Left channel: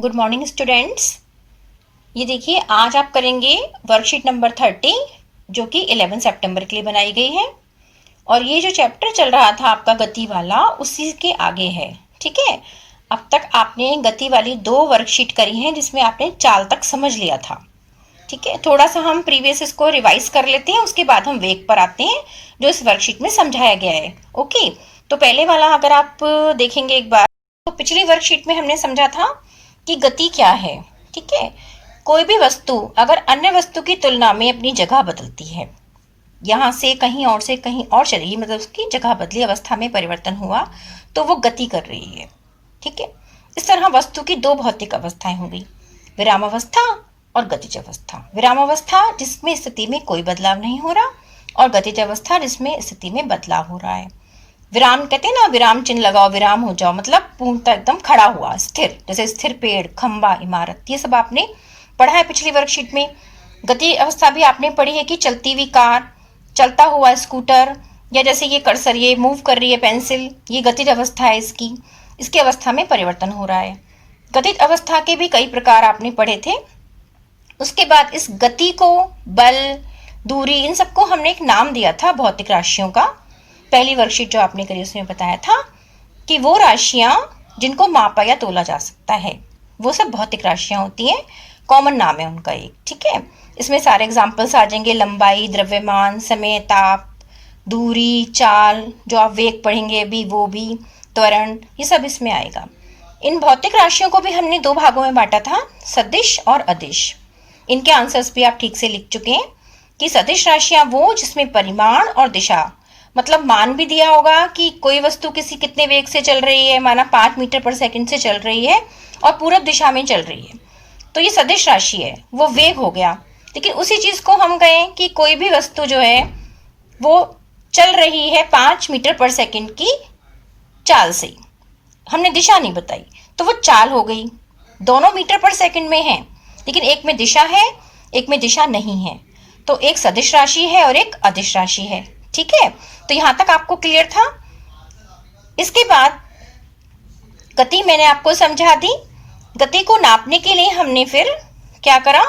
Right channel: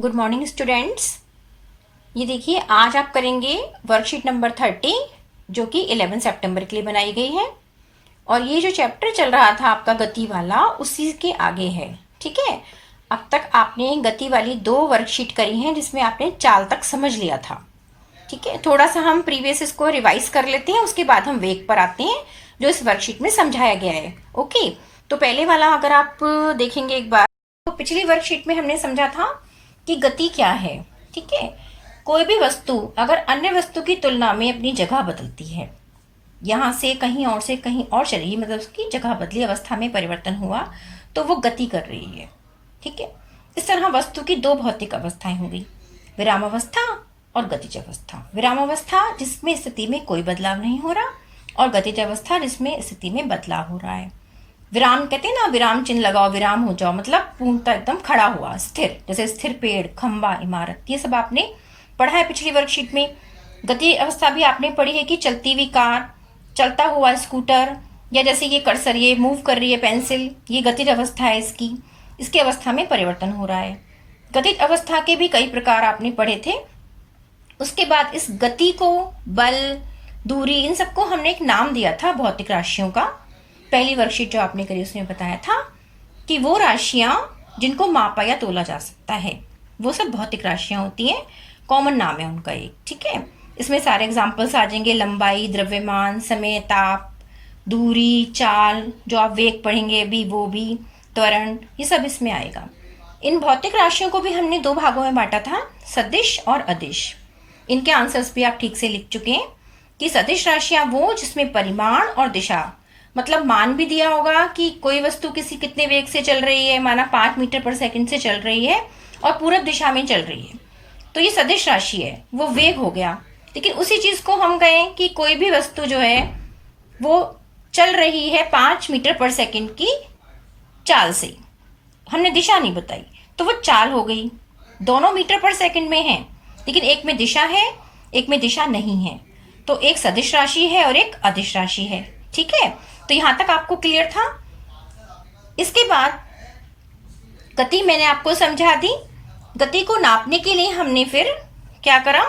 Good morning students. ये देखिए, आज आप करेंगे वर्कशीट नंबर 30 जो कि 11 सितंबर के लिए बनाई गई है। और ये जो चैप्टर चल रहा था आपका गति वाला, उसी के आगे है। ठीक है, अब तक आपने गति वाली 2 वर्कशीट करी हैं जिसमें आपने चाल तक समझ लिया था। ठीक है, थोड़ा सा हम प्रीवियस इसको रिवाइज कर लेते हैं, उसके बाद हम वेग पर आते हैं जो इस वर्कशीट में समझाया गया है। ओके, तो पहले वाला अगर आप देखेंगे एक बार, तो पिछली वर्कशीट में हमने समझा था कि गति क्या है। ठीक है, कोई भी वस्तु अगर अन्य वस्तु की तुलना में अपनी जगह बदलती है, यहाँ से कहीं और चली, मतलब उसकी जगह बदली, अवस्था में परिवर्तन हुआ, तो वो गति कर रही है। ठीक है, इस तरह वस्तु की 2 भौतिक अवस्थाएं होंगी, विराम अवस्था और गतिज अवस्था। विराम अवस्था जिसमें स्थिति में कोई बदलाव नहीं हो रहा, और गतिज अवस्था जिसमें स्थिति में बदलाव हो रहा है। विराम कहते हैं ना, विराम चिन्ह लगाओ, विराम हो जाओ, मतलब पूर्णतः एकदम खड़ा हुआ, स्थिर, जैसे स्थिर पेड़, खंबा, इमारत, ये सब आपने पढ़ा है पिछली वर्कशीट में। गति अवस्था भी आपने पढ़ी है कि चलती हुई कार, चलता हुआ स्कूटर, या जैसे ये कर्सर ये मूव कर रही है पेंसिल, ये गतिज अवस्था है इसकी अवस्था में परिवर्तन हो रहा है। गतिज अवस्था के भी कई प्रकार आपने पढ़े थे। उसके बाद इस गति को, बल, दूरी, इन सबको हमने एक नाम दिया था भौतिक राशियों का। पहली वर्कशीट जो आपने करी उसमें बताया था कि वो राशियां जिनको मापा या तोला जा सकता है वो सब भौतिक राशियां होती हैं, कॉमन नाम है उनका एक। ठीक है, इसमें सारे एग्जाम्पल्स आ जाएंगे, लंबाई, द्रव्यमान, समय, ताप, दूरी, चाल, जो आप वेग पढ़ेंगे अभी वो भी, त्वरण, ये सब इसमें आएगा। इन भौतिक राशियों को भी हमने 2 भागों में बांटा था, सदिश और अदिश। इनके आंसर्स भी आप ठीक से लिख चुके हैं कि सदिश राशियां वो जिसमें परिमाण और दिशा, मतलब मान भी दिया होगा कि कोई वस्तु कितने वेग से चल रही है, माना 5 मीटर पर सेकंड से चल रही है और पूरब दिशा में चल रही है, तो ये सदिश राशि है, वो वेग हो गया। लेकिन उसी चीज को हम कहें कि कोई भी वस्तु जो है वो चल रही है 5 मीटर पर सेकंड की चाल से, हमने दिशा नहीं बताई, तो वो चाल हो गई। दोनों मीटर पर सेकंड में है, लेकिन एक में दिशा है, एक में दिशा नहीं है, तो एक सदिश राशि है और एक अदिश राशि है। ठीक है, तो यहां तक आपको क्लियर था। इसके बाद गति मैंने आपको समझा दी। गति को नापने के लिए हमने फिर क्या करा,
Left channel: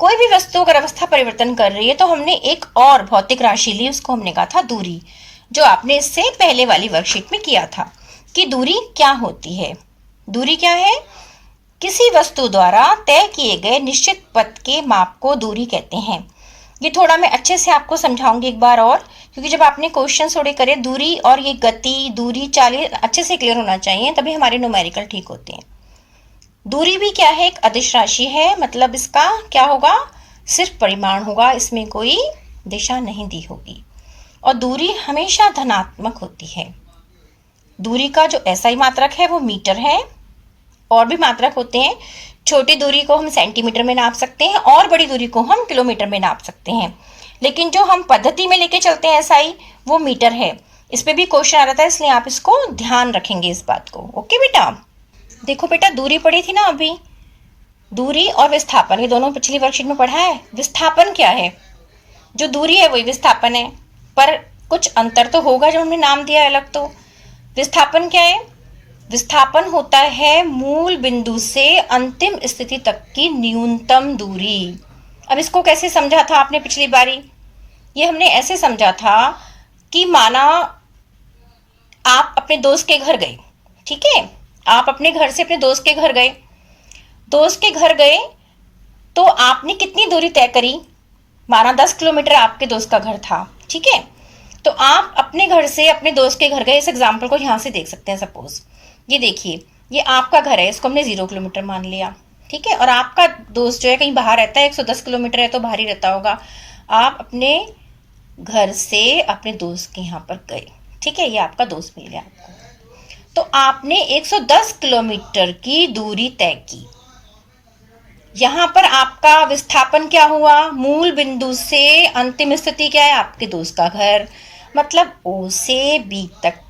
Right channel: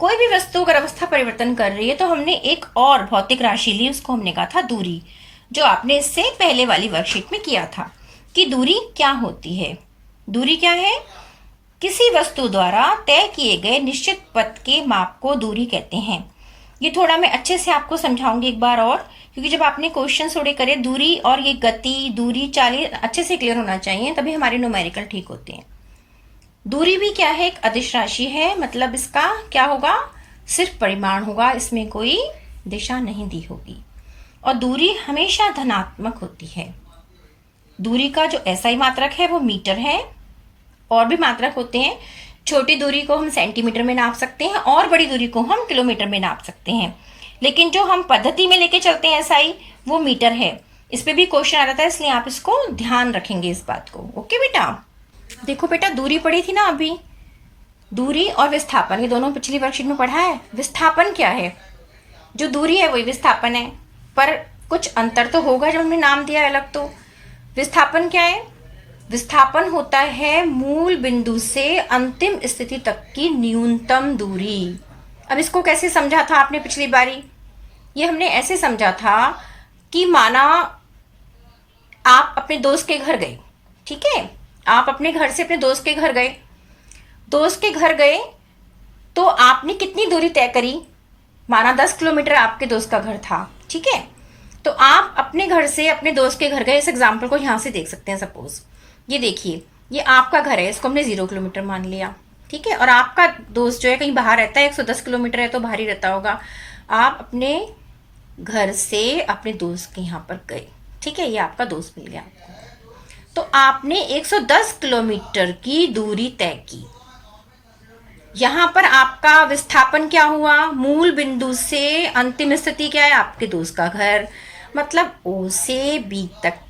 कोई भी वस्तु अगर अवस्था परिवर्तन कर रही है तो हमने एक और भौतिक राशि ली, उसको हमने कहा था दूरी, जो आपने इससे पहले वाली वर्कशीट में किया था कि दूरी क्या होती है। दूरी क्या है, किसी वस्तु द्वारा तय किए गए निश्चित पथ के माप को दूरी कहते हैं। ये थोड़ा मैं अच्छे से आपको समझाऊंगी एक बार और, क्योंकि जब आपने क्वेश्चन थोड़े करे, दूरी और ये गति, दूरी, चाल अच्छे से क्लियर होना चाहिए, तभी हमारे न्यूमेरिकल ठीक होते हैं। दूरी भी क्या है, एक अदिश राशि है, मतलब इसका क्या होगा, सिर्फ परिमाण होगा, इसमें कोई दिशा नहीं दी होगी, और दूरी हमेशा धनात्मक होती है। दूरी का जो SI मात्रक है वो मीटर है, और भी मात्रक होते हैं। छोटी दूरी को हम सेंटीमीटर में नाप सकते हैं और बड़ी दूरी को हम किलोमीटर में नाप सकते हैं, लेकिन जो हम पद्धति में लेके चलते हैं SI, वो मीटर है। इस पे भी क्वेश्चन आ रहा था, इसलिए आप इसको ध्यान रखेंगे इस बात को। ओके बेटा, देखो बेटा, दूरी पढ़ी थी ना अभी, दूरी और विस्थापन, ये दोनों पिछली वर्कशीट में पढ़ा है। विस्थापन क्या है, जो दूरी है वही विस्थापन है, पर कुछ अंतर तो होगा जब हमने नाम दिया अलग। तो विस्थापन क्या है, विस्थापन होता है मूल बिंदु से अंतिम स्थिति तक की न्यूनतम दूरी। अब इसको कैसे समझा था आपने पिछली बारी, ये हमने ऐसे समझा था कि माना आप अपने दोस्त के घर गए, ठीक है, आप अपने घर से अपने दोस्त के घर गए, दोस्त के घर गए तो आपने कितनी दूरी तय करी, माना 10 किलोमीटर आपके दोस्त का घर था। ठीक है, तो आप अपने घर से अपने दोस्त के घर गए। इस एग्जाम्पल को यहां से देख सकते हैं। सपोज ये देखिए, ये आपका घर है, इसको हमने 0 किलोमीटर मान लिया। ठीक है, और आपका दोस्त जो है कहीं बाहर रहता है, 110 किलोमीटर है तो बाहर ही रहता होगा। आप अपने घर से अपने दोस्त के यहाँ पर गए, ठीक है, ये आपका दोस्त मिल गया आपको, तो आपने 110 किलोमीटर की दूरी तय की। यहां पर आपका विस्थापन क्या हुआ, मूल बिंदु से अंतिम स्थिति क्या है, आपके दोस्त का घर, मतलब O से B तक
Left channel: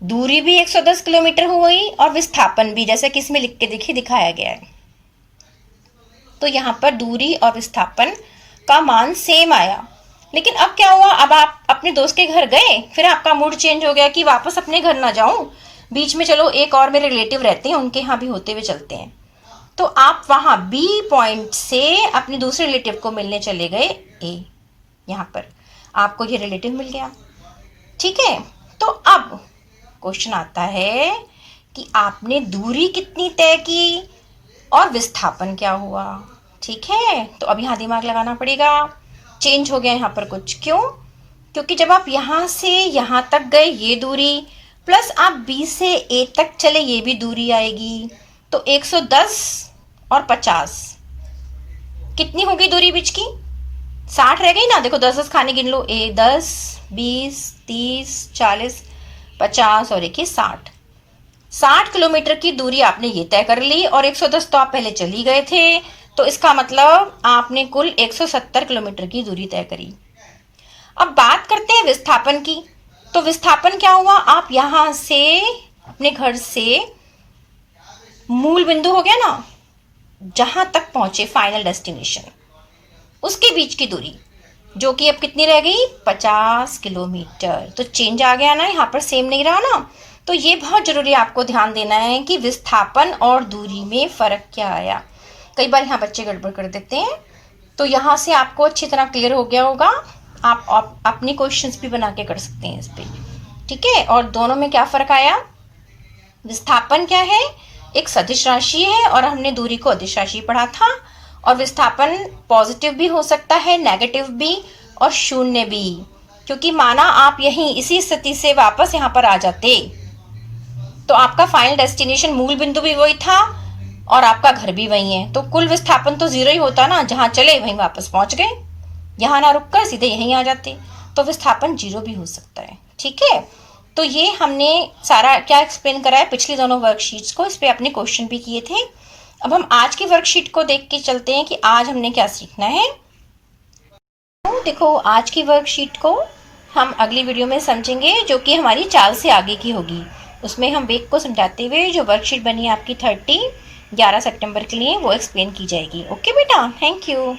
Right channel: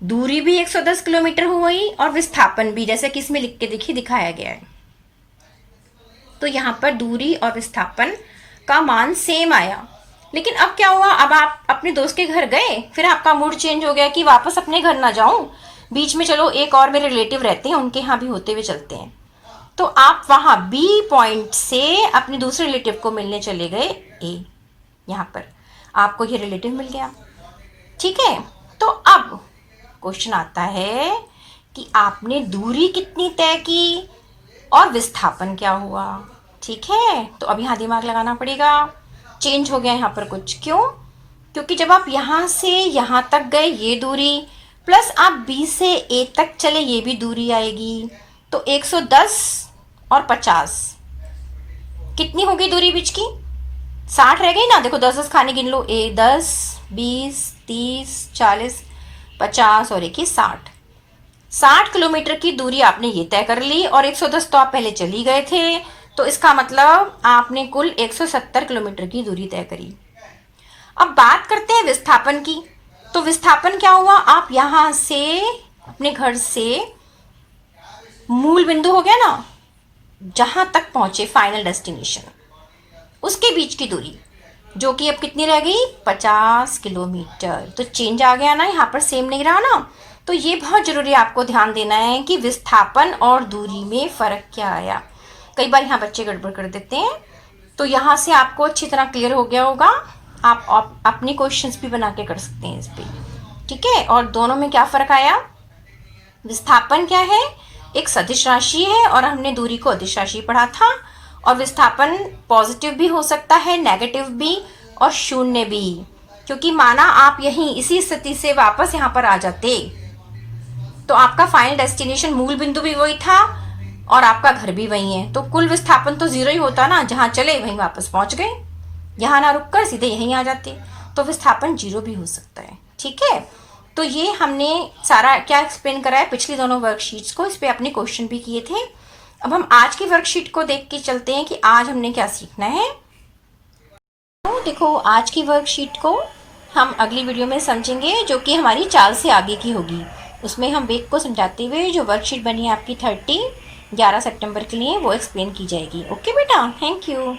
दूरी भी 110 किलोमीटर हुई और विस्थापन भी, जैसे कि इसमें लिख के देखिए दिखाया गया है। तो यहां पर दूरी और विस्थापन का मान सेम आया। लेकिन अब क्या हुआ, अब आप अपने दोस्त के घर गए, फिर आपका मूड चेंज हो गया कि वापस अपने घर ना जाऊं, बीच में चलो एक और मेरे रिलेटिव रहते हैं, उनके यहाँ भी होते हुए चलते हैं। तो आप वहाँ बी पॉइंट से अपने दूसरे रिलेटिव को मिलने चले गए ए, यहाँ पर आपको ये रिलेटिव मिल गया। ठीक है, तो अब क्वेश्चन आता है कि आपने दूरी कितनी तय की और विस्थापन क्या हुआ। ठीक है, तो अब यहाँ दिमाग लगाना पड़ेगा। चेंज हो गया यहाँ पर कुछ, क्यों? क्योंकि जब आप यहाँ से यहाँ तक गए ये दूरी, प्लस आप बी से ए तक चले ये भी दूरी आएगी, तो 110 और 50 कितनी होगी दूरी बीच की? 60 रह गई ना। देखो 10 खाने गिन लो, 10 20 30 40 50 और 1 60 किलोमीटर की दूरी आपने ये तय कर ली, और 110 तो आप पहले चली गए थे, तो इसका मतलब आपने कुल 170 किलोमीटर की दूरी तय करी। अब बात करते हैं विस्थापन की। तो विस्थापन क्या हुआ? आप यहाँ से अपने घर से मूल बिंदु हो गया ना, जहां तक पहुंचे फाइनल डेस्टिनेशन, उसके बीच की दूरी जो कि अब कितनी रह गई? 50 किलोमीटर। तो चेंज आ गया ना, यहाँ पर सेम नहीं रहा ना। तो ये बहुत ज़रूरी है, आपको ध्यान देना है कि विस्थापन और दूरी में फ़र्क क्या आया। कई बार यहाँ बच्चे गड़बड़ कर देते हैं। तो यहाँ से आपको अच्छी तरह क्लियर हो गया होगा। आप अपने क्वेश्चंस भी बना के कर सकते हैं इस पर। ठीक है, और दोनों में क्या फ़र्क आया? विस्थापन क्या है? एक सदिश राशि है, और हमने दूरी को अदिश राशि पढ़ा था। और विस्थापन पॉजिटिव भी हो सकता है, नेगेटिव भी, और शून्य भी। क्योंकि माना आप यहीं इसी स्थिति से वापस यहाँ पर आ जाते, तो आपका फाइनल डेस्टिनेशन मूल बिंदु भी वही था और आपका घर भी वही है, तो कुल विस्थापन तो जीरो ही होता ना। जहाँ चले वहीं वापस पहुँच गए, यहाँ ना रुक कर सीधे यहीं आ जाते, तो विस्थापन जीरो भी हो सकता है। ठीक है, तो ये हमने सारा क्या एक्सप्लेन करा है पिछली दोनों वर्कशीट्स को, इस पर अपने क्वेश्चन भी किए थे। अब हम आज की वर्कशीट को देख के चलते हैं कि आज हमने क्या सीखना है। तो देखो, आज की वर्कशीट को हम अगली वीडियो में समझेंगे, जो कि हमारी चाल से आगे की होगी। उसमें हम वेग को समझाते हुए जो वर्कशीट बनी है आपकी 11 सितंबर के लिए, वो एक्सप्लेन की जाएगी। ओके बेटा, थैंक यू।